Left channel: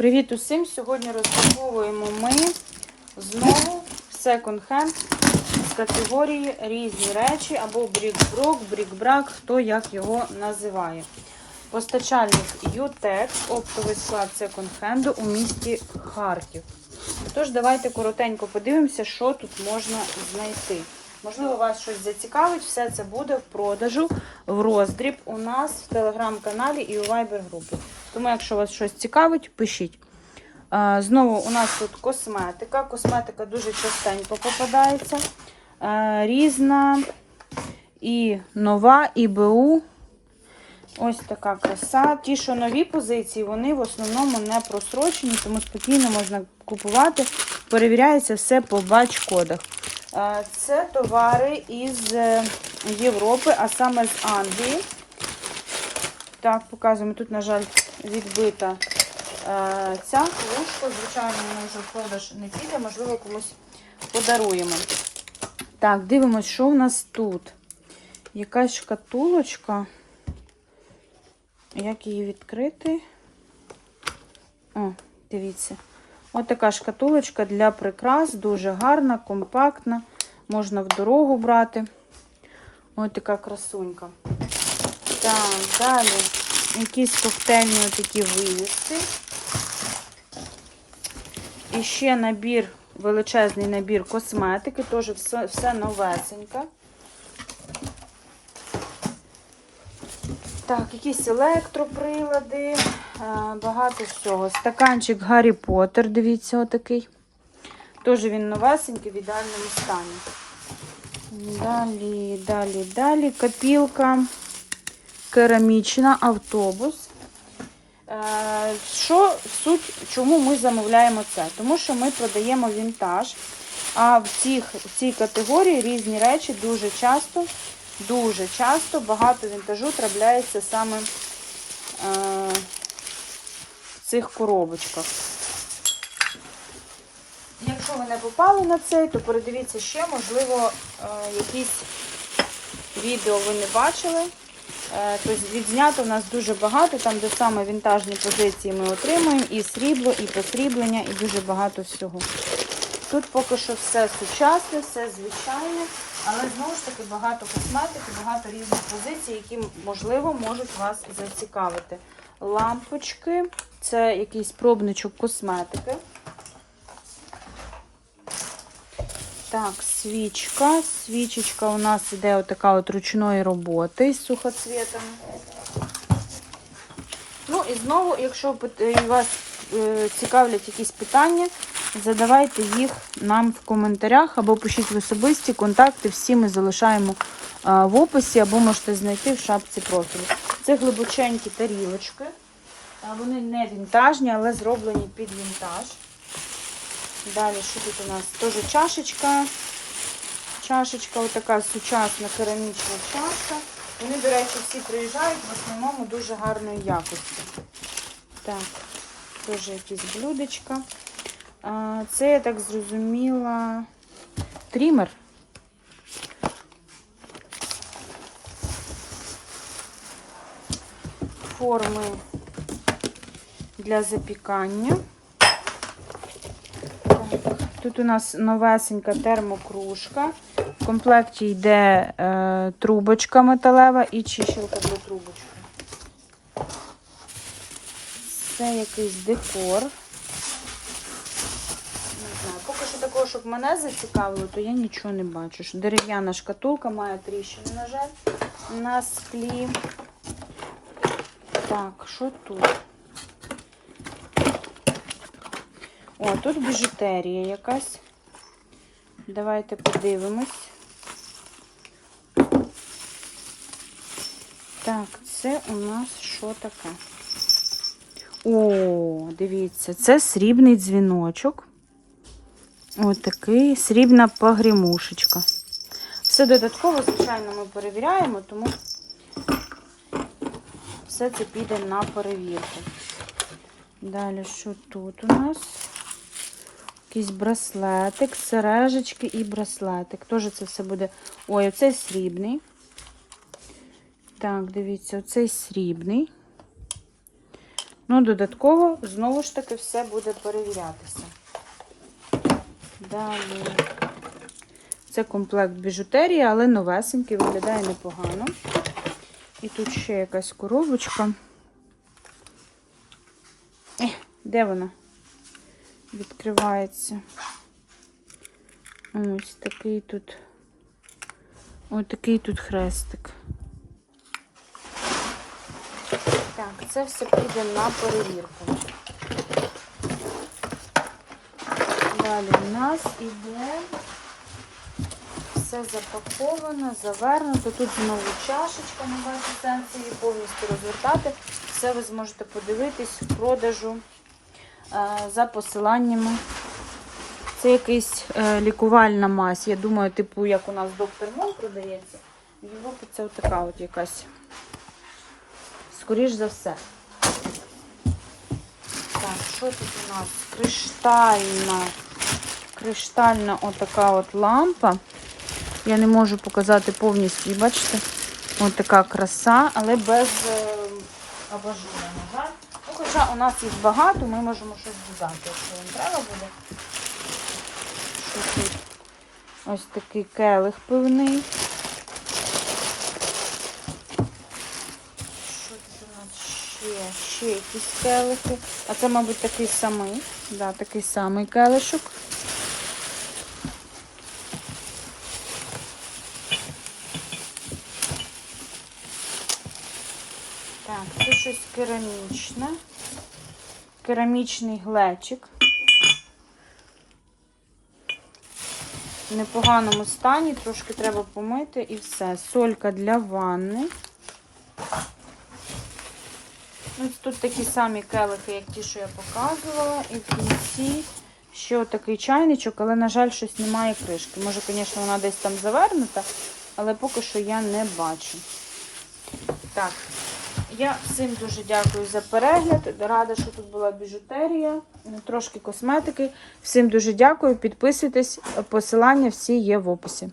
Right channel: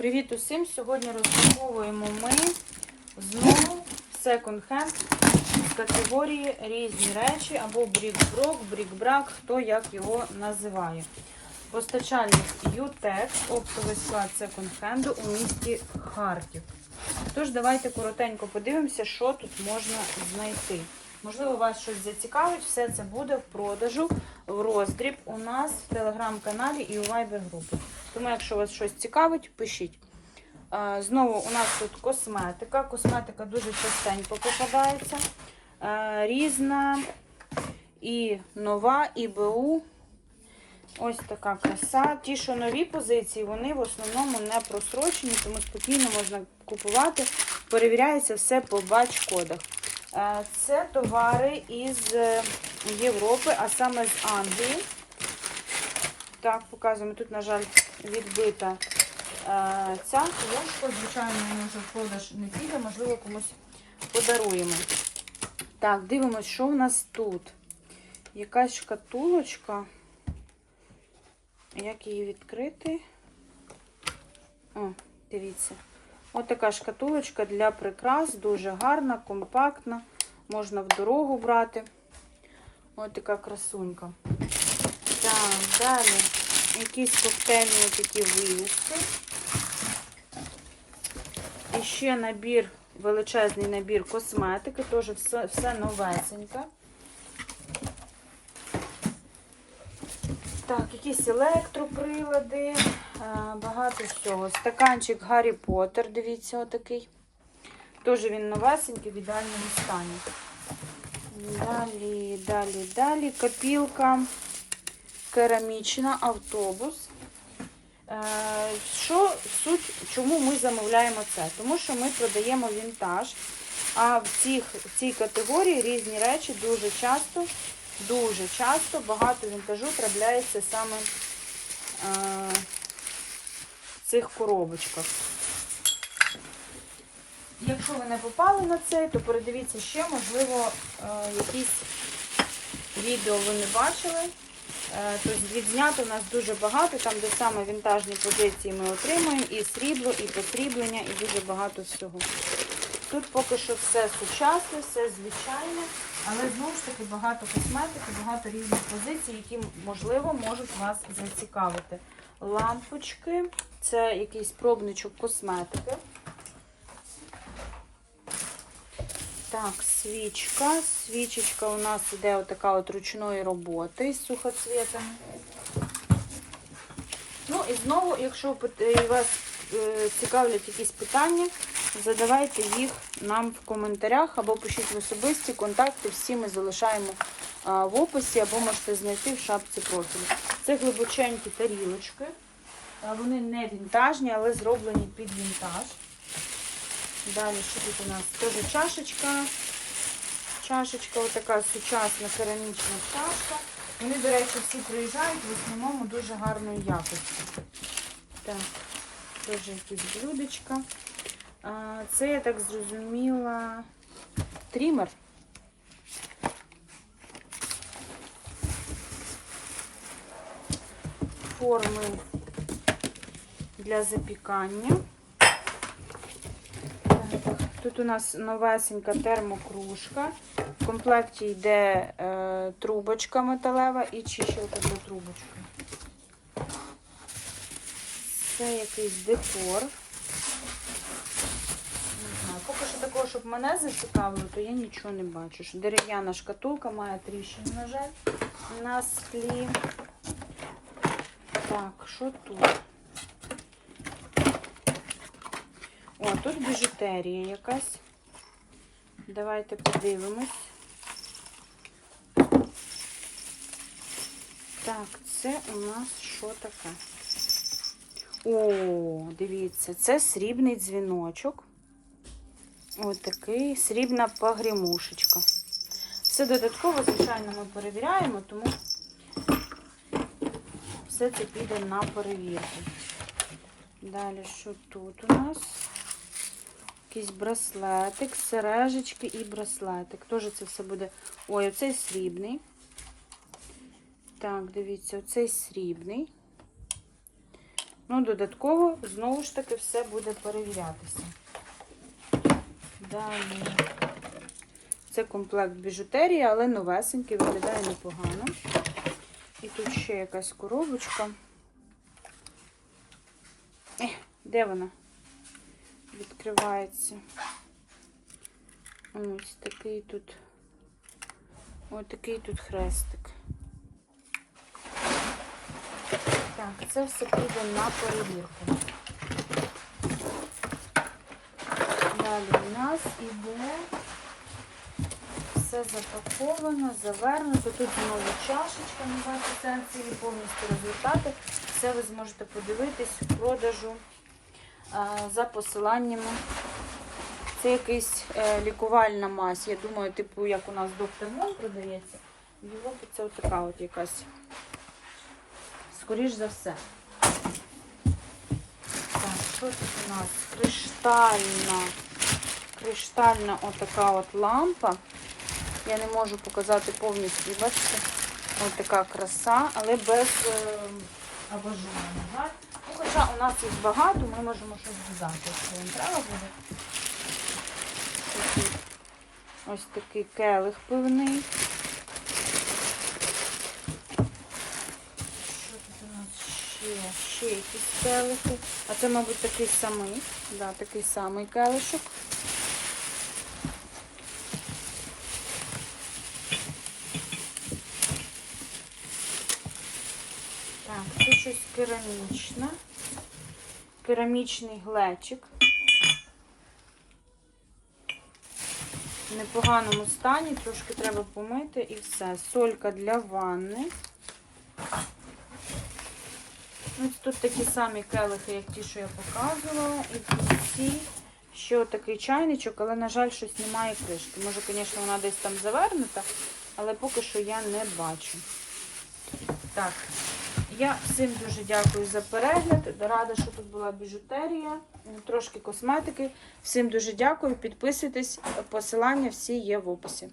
Привіт усім! Сьогодні розпаковуємо ми знову секонд-хенд з категорії різні речі або брік-брок, брік-брак, хто як його називає. Постачальник Ютекс, оптовий склад секонд-хенду у місті Харків. Тож, давайте коротенько подивимося, що тут можна знайти. Можливо, вас щось зацікавить, все це буде в продажу в роздріб у нас в телеграм-каналі і у вайбер-групі. Тому, якщо вас щось цікавить, пишіть. Знову у нас тут косметика. Косметика дуже частенько попадається. Різна і нова, і БУ. Ось така краса. Ті, що нові позиції, вони в основному не просрочені, тому спокійно можна купувати. Перевіряється все по бач-кодах. Е, Це товари із е, Європи, а саме з Англії. Так, показуємо. Тут, на жаль, відбита е, ця кружка. Звичайно, вона вже в продаж не піде, можливо, комусь подаруємо. Так, дивимось, що у нас тут. Якась шкатулочка. Як її відкрити? О, дивіться. Ось така шкатулочка для прикрас, дуже гарна, компактна. Можна в дорогу брати. Ось така красунька. Так, далі якісь коктейльні такі вивіски. І ще набір, величезний набір косметики, теж все, все новесеньке. Так, якісь електроприлади, а, багато всього. Стаканчик Гаррі Поттер, дивіться, отакий. Теж він новесенький, в ідеальному стані. Далі, далі, далі. Копілка керамічна, автобус. Е, Що суть, чому ми замовляємо це? Тому що ми продаємо вінтаж. А в, цих, в цій категорії різні речі дуже часто, дуже часто багато вінтажу трапляється саме е, в цих коробочках. Якщо ви не попали на цей, то передивіться ще, можливо, е, якісь відео ви не бачили. Е, Тобто відзнято в нас дуже багато, там де саме вінтажні позиції ми отримуємо, і срібло, і посріблення, і дуже багато всього. Тут поки що все сучасне, все звичайне, але знову ж таки багато косметики, багато різних позицій, які, можливо, можуть вас зацікавити. Лампочки, це якийсь пробничок косметики. Так, свічка. Свічечка у нас іде отака от ручної роботи з сухоцвітами. І знову, якщо вас е, цікавлять якісь питання, задавайте їх нам в коментарях або пишіть в особисті контакти. Всі ми залишаємо в описі або можете знайти в шапці профілю. Це глибоченькі тарілочки. Вони не вінтажні, але зроблені під вінтаж. Далі, що тут у нас? Теж чашечка. Чашечка, ось така сучасна керамічна чашка. Вони, до речі, всі приїжджають в основному дуже гарної якості. Так, теж якісь блюдечка. Це, я так зрозуміла, трімер. Форми для запікання. Тут у нас новесенька термокружка. В комплекті йде е, трубочка металева і чищилка для трубочки. Це якийсь декор. Поки що такого, щоб мене зацікавило, то я нічого не бачу. Дерев'яна шкатулка має тріщину, на жаль, на склі. Так, що тут? О, тут біжутерія якась. Давайте подивимось. Так, це у нас що таке? О, дивіться, це срібний дзвіночок. Ось такий срібна погрімушечка. Все додатково, звичайно, ми перевіряємо, тому все це піде на перевірку. Далі, що тут у нас? Якийсь браслетик, сережечки і браслетик. Теж це все буде. Ой, оцей срібний. Так, дивіться, оцей срібний. Ну, додатково, знову ж таки, все буде перевірятися. Далі. Це комплект біжутерії, але новесенький, виглядає непогано. І тут ще якась коробочка. Ех, Де вона? Відкривається. Ось такий тут. Ось такий тут хрестик. Так, це все піде на перевірку. Далі у нас іде все запаковано, завернуто. Тут знову чашечка на ваші сенсі, повністю розвертати. Все ви зможете подивитись в продажу за посиланнями. Це якийсь е, лікувальна мазь. Я думаю, типу, як у нас доктор Мон продається. В Європі це отака от якась. Скоріш за все. Так, що тут у нас? Криштальна. Криштальна отака от лампа. Я не можу показати повністю, бачите? Ось така краса, але без е, абажуру, на жаль. Ну, хоча у нас їх багато, ми можемо щось додати, якщо вам треба буде. Ось такий келих пивний. Що тут у нас ще? Ще якісь келихи. А це, мабуть, такий самий. Да, такий самий келишок. Так, це щось керамічне. Керамічний глечик. В непоганому стані, трошки треба помити і все. Солька для ванни. Ось тут такі самі келихи, як ті, що я показувала. І в кінці ще такий чайничок, але, на жаль, щось немає кришки. Може, звісно, вона десь там завернута, але поки що я не бачу. Так, я всім дуже дякую за перегляд. Рада, що тут була біжутерія, трошки косметики. Всім дуже дякую. Підписуйтесь, посилання всі є в описі.